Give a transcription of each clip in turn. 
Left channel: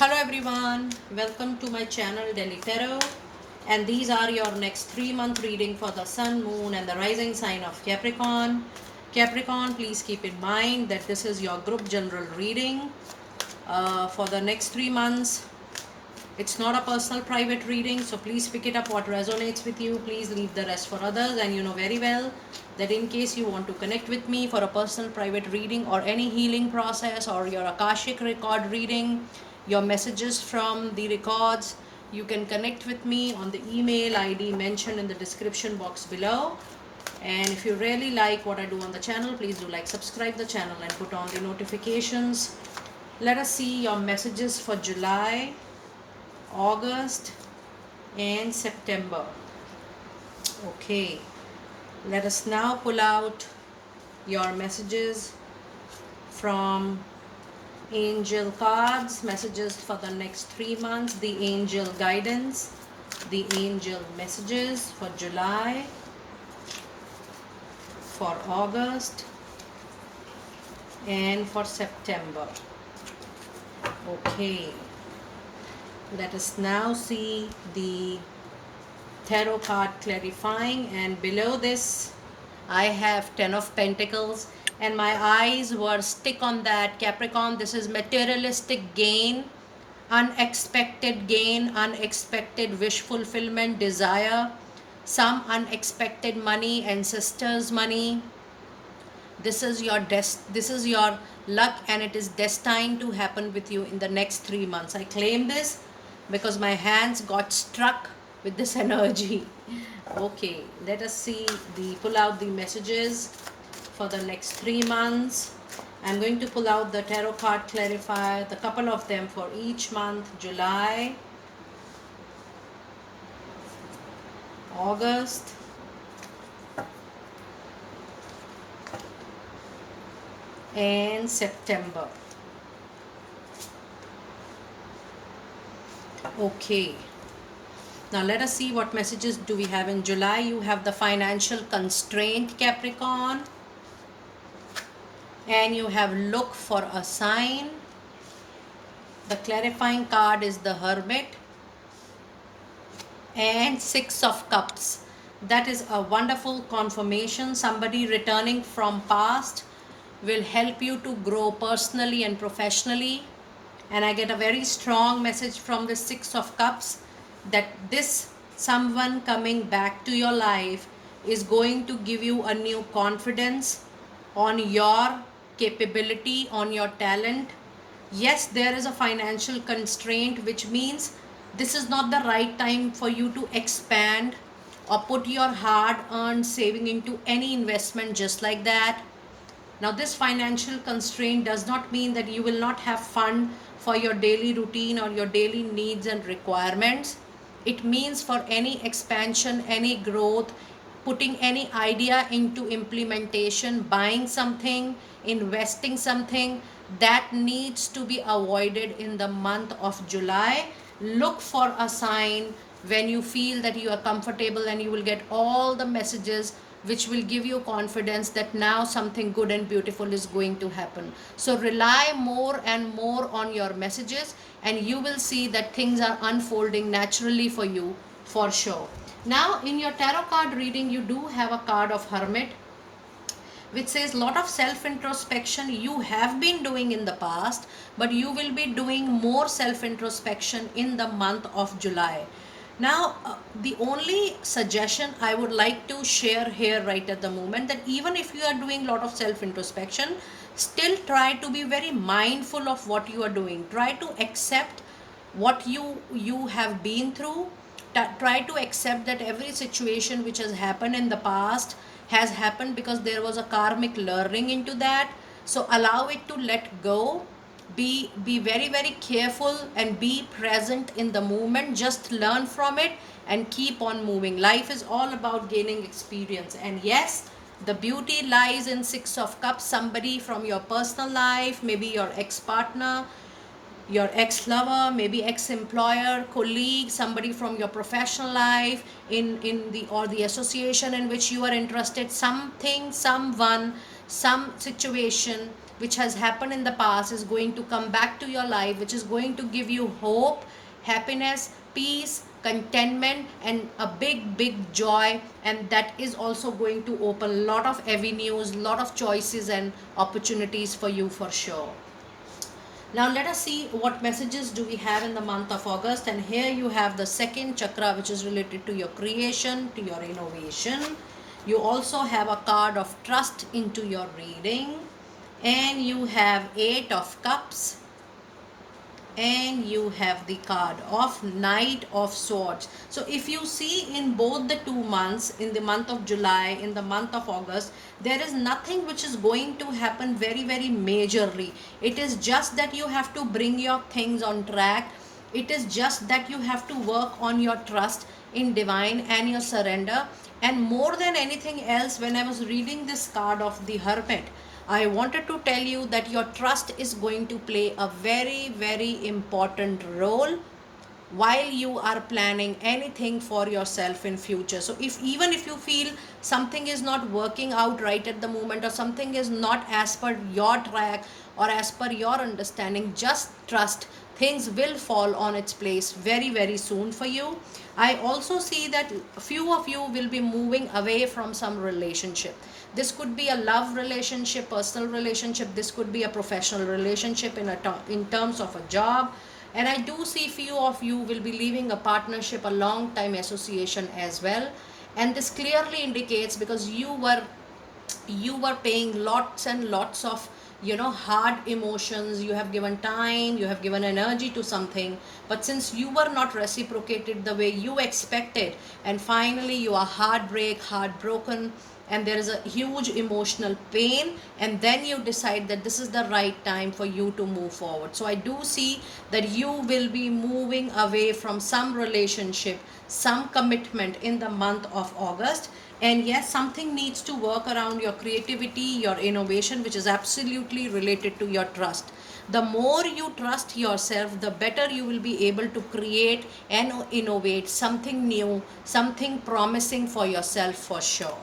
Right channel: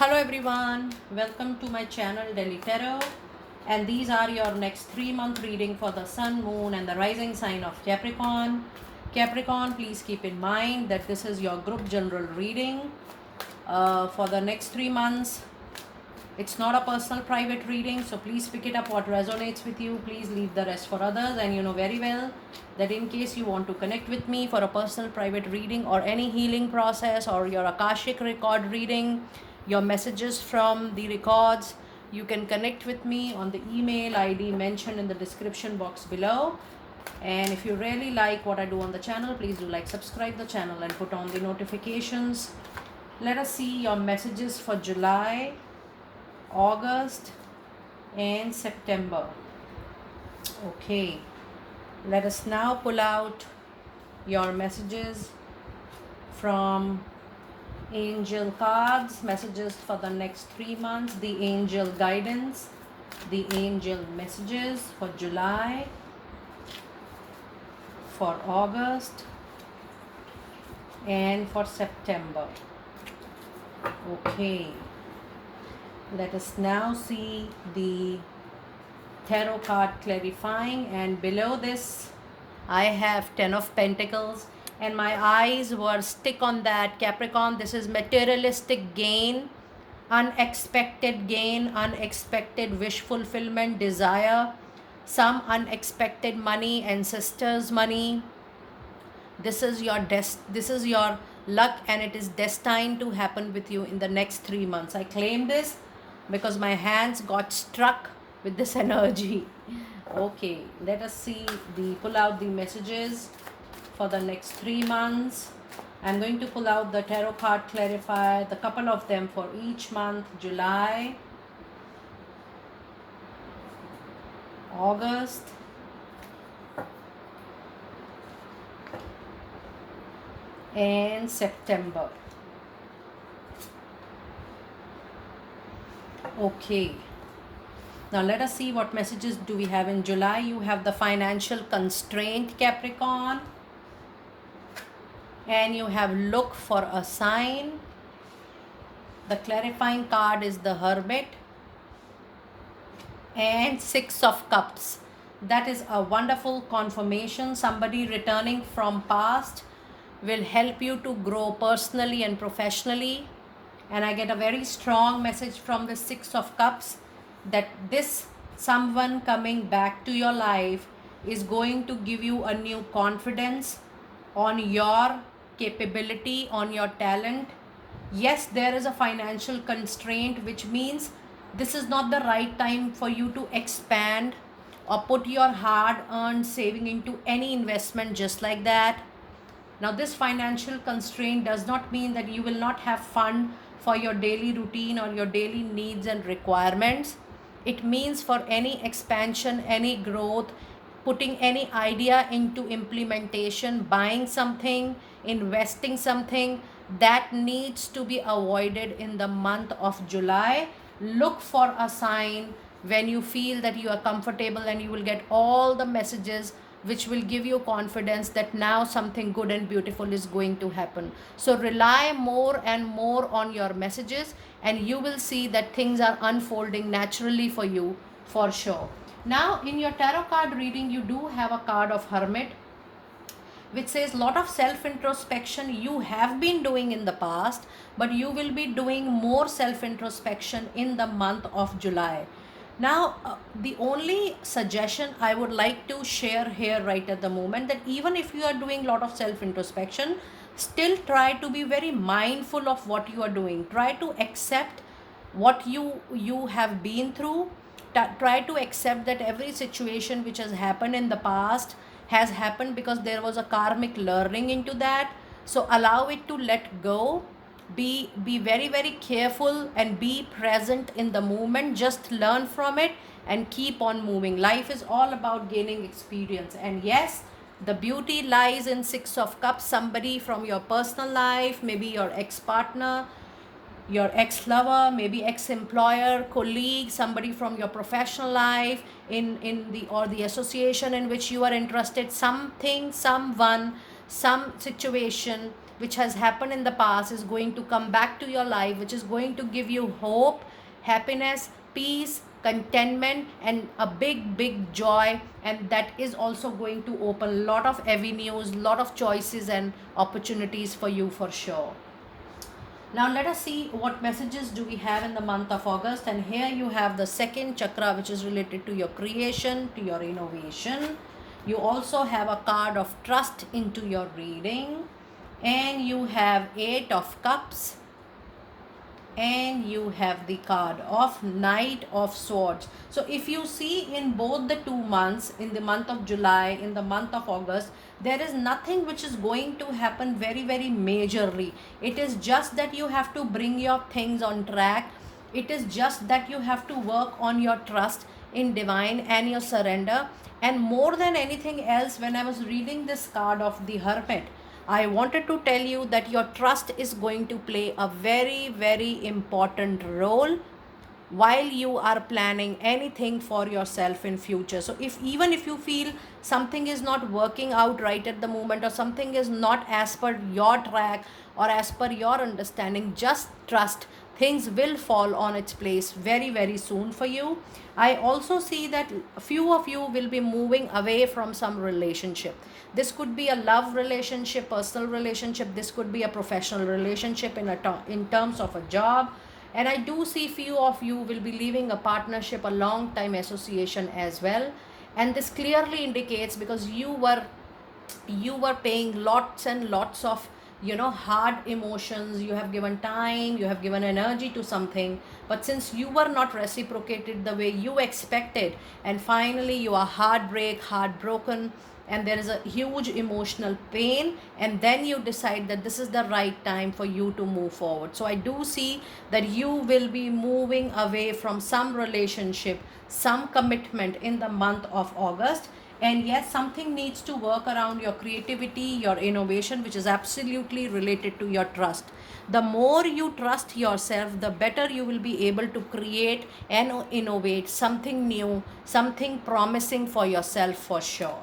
Hello everyone, welcome to my channel Delhi Tarot, and these are your next 3 month reading for the Sun, Moon and the rising sign of Capricorn. Capricorn, please keep in mind that this is your group general reading for the next 3 months. It's not a personal private reading, so please pick it up what resonates with you. Please leave the rest for others, and you know very well that in case you want to connect with me for a personal private reading or any healing process or your Akashic record reading, your messages from the records, you can connect with me on the email ID mentioned in the description box below. And if you really like what I do on the channel, please do like, subscribe the channel and put on the notifications. Let us see your messages for July, August and September. Okay, let us now pull out your messages from angel cards, messages for the next 3 months, the angel guidance, the angel messages for July, for August and for September. Okay, let us now see the tarot card clarifying, and below this I have 10 of Pentacles, and my eyes were stick on that. Capricorn, this is materialistic gain, unexpected wish fulfillment, desire, some unexpected money, ancestors money. This is your luck, and it is destined to happen with you in the next 3 months. I claim this because my hands got struck with this energy. Okay, let us see pull out the messages for the next 3 months. I'm going to pull out the tarot card clarifier, the couple of them for each month: July, August, and September. Okay, now let us see what messages do we have in July. You have the financial constraint, Capricorn, and you have look for a sign. The clarifying card is the Hermit and Six of Cups. That is a wonderful confirmation. Somebody returning from past will help you to grow personally and professionally. And I get a very strong message from the Six of Cups that this someone coming back to your life is going to give you a new confidence on your capability, on your talent. Yes, there is a financial constraint, which means this is not the right time for you to expand or put your hard earned saving into any investment just like that. Now, this financial constraint does not mean that you will not have fun for your daily routine or your daily needs and requirements. It means for any expansion, any growth, putting any idea into implementation, buying something, investing something, that needs to be avoided in the month of July. Look for a sign when you feel that you are comfortable, and you will get all the messages which will give you confidence that now something good and beautiful is going to happen. So rely more and more on your messages, and you will see that things are unfolding naturally for you, for sure. Now, in your tarot card reading, you do have a card of Hermit, which says lot of self introspection you have been doing in the past, but you will be doing more self introspection in the month of July. Now, the only suggestion I would like to share here right at the moment, that even if you are doing a lot of self introspection, still try to be very mindful of what you are doing. Try to accept what you have been through. Try to accept that every situation which has happened in the past has happened because there was a karmic learning into that. So allow it to let go. Be very very careful and be present in the moment. Just learn from it and keep on moving. Life is all about gaining experience, and yes, the beauty lies in Six of Cups. Somebody from your personal life, maybe your ex-partner, your ex-lover, maybe ex-employer, colleague, somebody from your professional life, in the association in which you are interested, something, someone, some situation which has happened in the past is going to come back to your life, which is going to give you hope, happiness, peace, contentment, and a big joy. And that is also going to open a lot of avenues, lot of choices and opportunities for you for sure. Now let us see what messages do we have in the month of August. And here you have the second chakra, which is related to your creation, to your innovation. You also have a card of trust into your reading. And you have 8 of cups, and you have the card of Knight of Swords. So if you see in both the 2 months, in the month of July, in the month of August, there is nothing which is going to happen very majorly. It is just that you have to bring your things on track. It is just that you have to work on your trust in divine and your surrender. And more than anything else, when I was reading this card of the Hermit, I wanted to tell you that your trust is going to play a very important role while you are planning anything for yourself in future. So if even if you feel something is not working out right at the moment, or something is not as per your track or as per your understanding, just trust. Things will fall on its place very soon for you. I also see that a few of you will be moving away from some relationship. This could be a love relationship, personal relationship. This could be a professional relationship in terms of a job. And I do see few of you will be leaving a partnership, a long time association as well. And this clearly indicates, because you were paying lots and lots of hard emotions, you have given time, you have given energy to something, but since you were not reciprocated the way you expected, and finally you are heartbroken, and there is a huge emotional pain, and then you decide that this is the right time for you to move forward. So I do see that you will be moving away from some relationship, some commitment in the month of August. And yes, something needs to work around your creativity, your innovation, which is absolutely related to your trust. The more you trust yourself, the better you will be able to create and innovate something new, something promising for yourself for sure.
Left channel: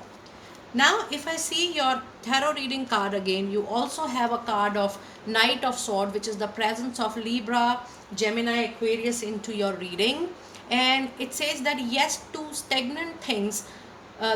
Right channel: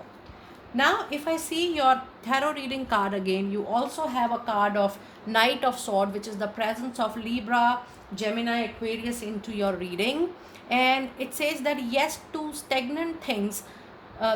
Now, if I see your tarot reading card again, you also have a card of Knight of Sword, which is the presence of Libra, Gemini, Aquarius into your reading. And it says that yes, to stagnant things,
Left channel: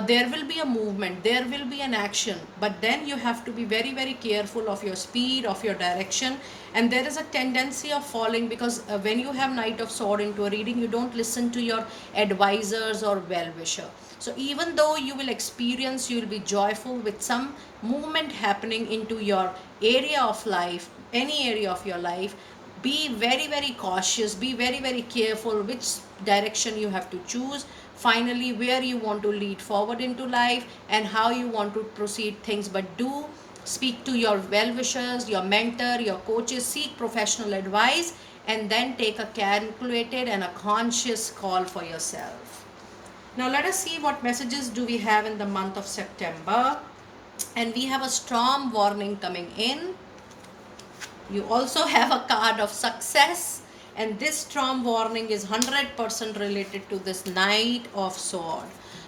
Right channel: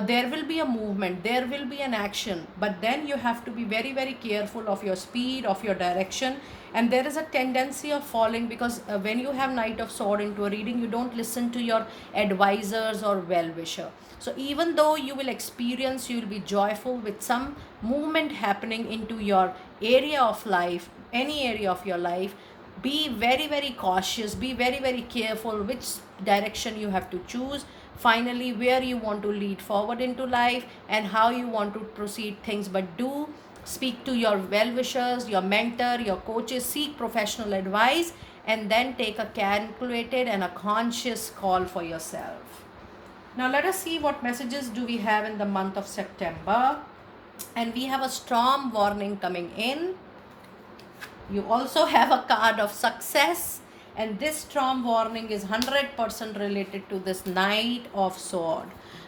there will be a movement, there will be an action, but then you have to be very careful of your speed, of your direction. And there is a tendency of falling, because when you have Knight of Sword into a reading, you don't listen to your advisors or well-wisher. So even though you will experience, you will be joyful with some movement happening into your area of life, any area of your life, be very cautious, be very careful which direction you have to choose, finally where you want to lead forward into life, and how you want to proceed things. But do speak to your well-wishers, your mentor, your coaches, seek professional advice, and then take a calculated and a conscious call for yourself. Now let us see what messages do we have in the month of September. And we have a storm warning coming in. You also have a card of success, and this storm warning is 100% related to this Knight of Sword.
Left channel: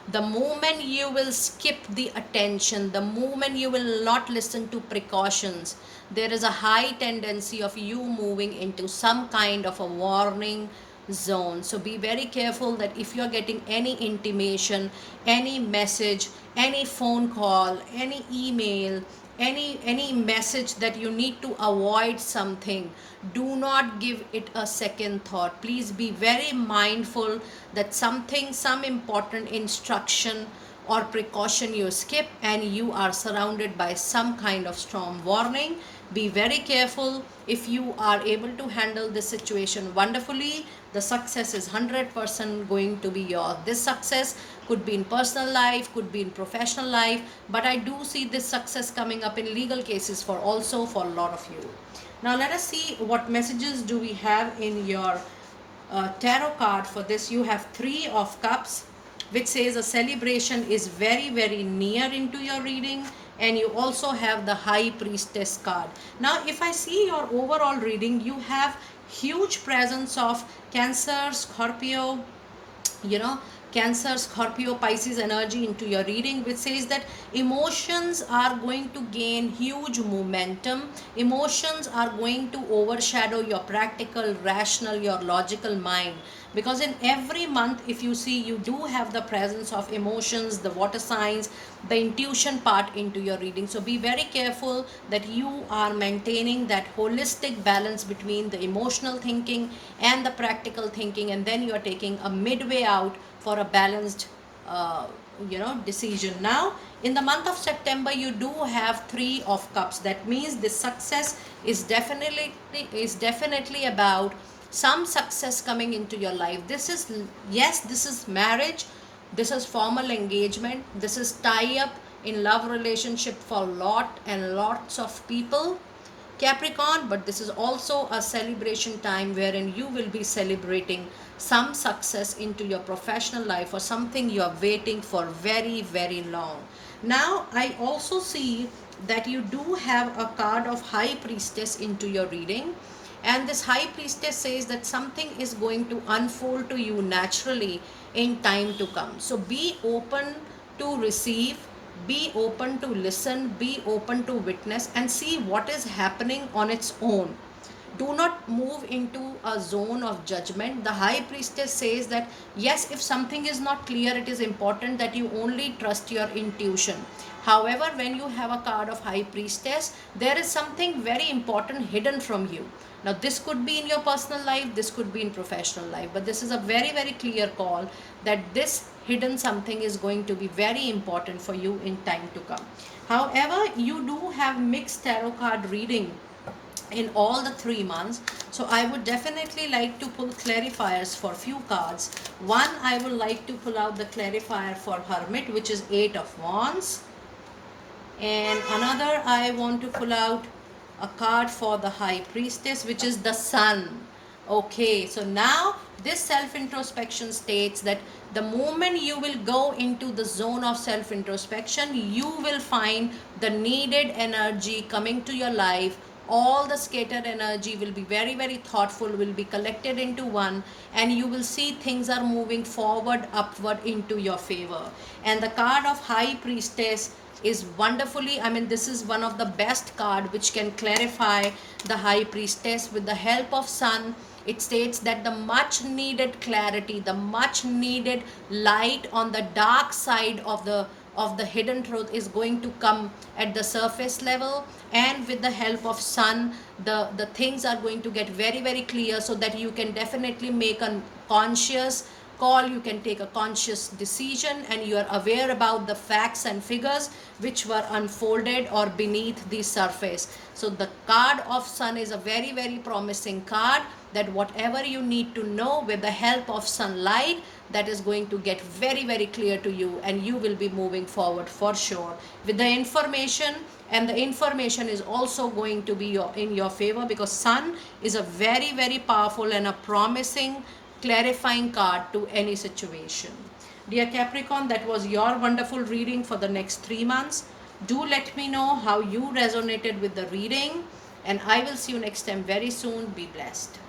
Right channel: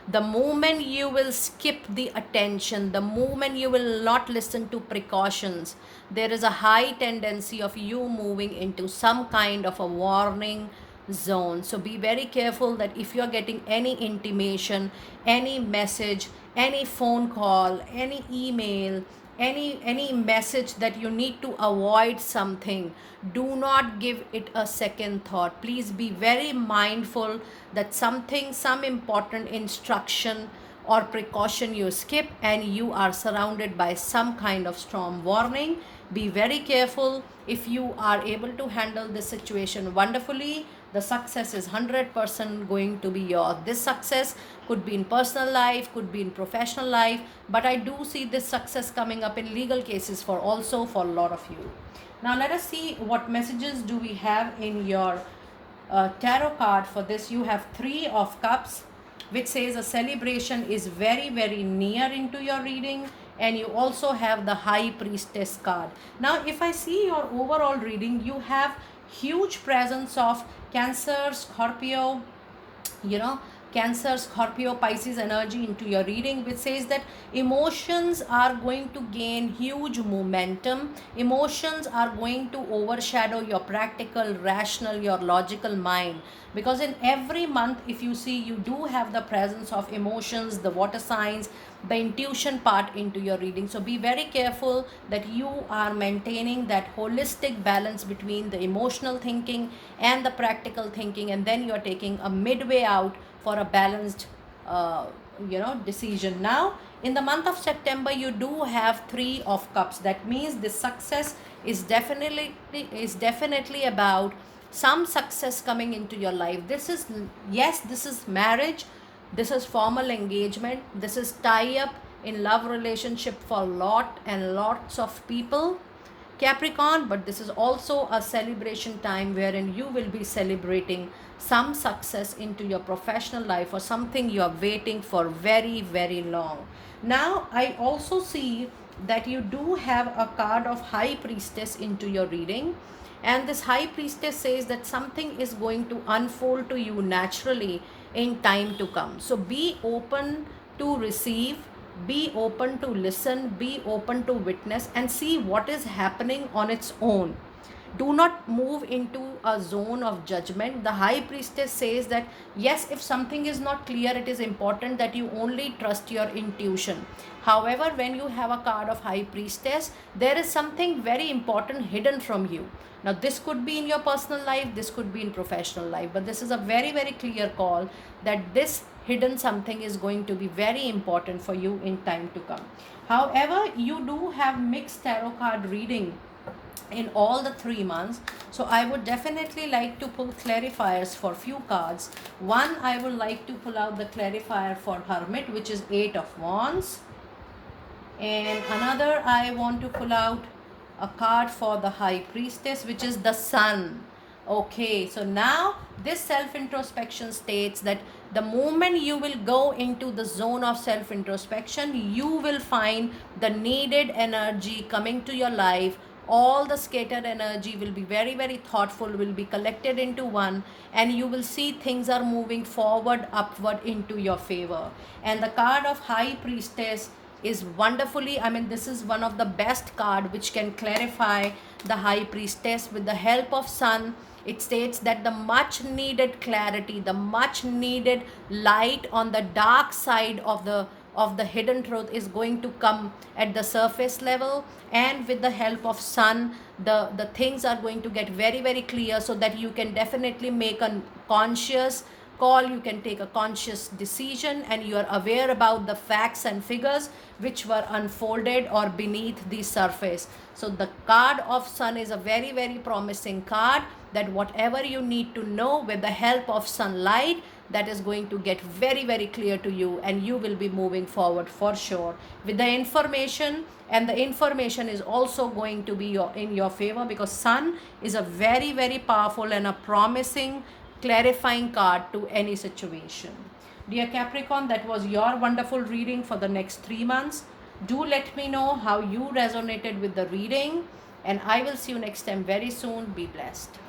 The moment you will skip the attention, the moment you will not listen to precautions, there is a high tendency of you moving into some kind of a warning zone. So be very careful that if you are getting any intimation, any message, any phone call, any email, any message that you need to avoid something, do not give it a second thought. Please be very mindful that some important instruction or precaution you skip, and you are surrounded by some kind of storm warning. Be very careful. If you are able to handle this situation wonderfully, the success is 100% going to be yours. This success could be in personal life, could be in professional life, but I do see this success coming up in legal cases for a lot of you. Now let us see what messages do we have in your tarot card for this. You have 3 of Cups, which says a celebration is very near into your reading. And you also have the High Priestess card. Now if I see your overall reading, you have huge presence of Cancer, Scorpio, Cancer, Scorpio, Pisces energy into your reading, which says that emotions are going to gain huge momentum. Emotions are going to overshadow your practical, rational, your logical mind. Because in every month, if you see, you do have the presence of emotions, the water signs, the intuition part into your reading. So be very careful that you are maintaining that holistic balance between the emotional thinking and the practical thinking, and then you are taking a midway out for a balanced uh, decision. Now in the month of September, you do have 3 of cups. That means the success is definitely about some success coming into your life. This is, yes, this is marriage, this is formal engagement, this is tie up in love relationship for lot and lots of people, Capricorn, but this is also a celebration time wherein you will be celebrating some success into your professional life or something you are waiting for very, very long. Now, I also see that you do have a card of High Priestess into your reading, and this High Priestess says that something is going to unfold to you naturally in time to come. So be open to receive, be open to listen, be open to witness, and see what is happening on its own. Do not move into a zone of judgment. The High Priestess says that yes, if something is not clear, it is important that you only trust your intuition. However, when you have a card of High Priestess, there is something very important hidden from you. Now this could be in your personal life, this could be in professional life, but this is a very, very clear call that this hidden something is going to be very important for you in time to come. However, you do have mixed tarot card reading in all the 3 months, so I would definitely like to pull clarifiers for few cards. One, I would like to pull out the clarifier for Hermit, which is 8 of Wands, and another, I want to pull out a card for the High Priestess, which is the Sun. Okay, so now this self introspection states that the moment you will go into the zone of self introspection, you will find the needed energy coming to your life. All the scattered energy will be very, very thoughtful, will be collected into one, and you will see things are moving forward, upward into your favor. And the card of High Priestess is wonderfully, I mean, this is one of the best card which can clarify the High Priestess. With the help of Sun, it states that the much needed clarity, the much needed light on the dark side of the hidden truth is going to come at the surface level, and with the help of Sun, the things are going to get very, very clear, so that you can definitely make a conscious call, you can take a conscious decision, and you are aware about the facts and figures which were unfolded or beneath the surface. So the card of Sun is a very, very promising card, that whatever you need to know, with the help of sunlight, that is going to get very, very clear to you, and you will be moving forward for sure with the information. And the information is also going to be in your favor, because Sun is a very, very powerful and a promising clarifying card to any situation. Dear Capricorn, that was your wonderful reading for the next 3 months. Do let me know how you resonated with the reading, and I will see you next time very soon. Be blessed.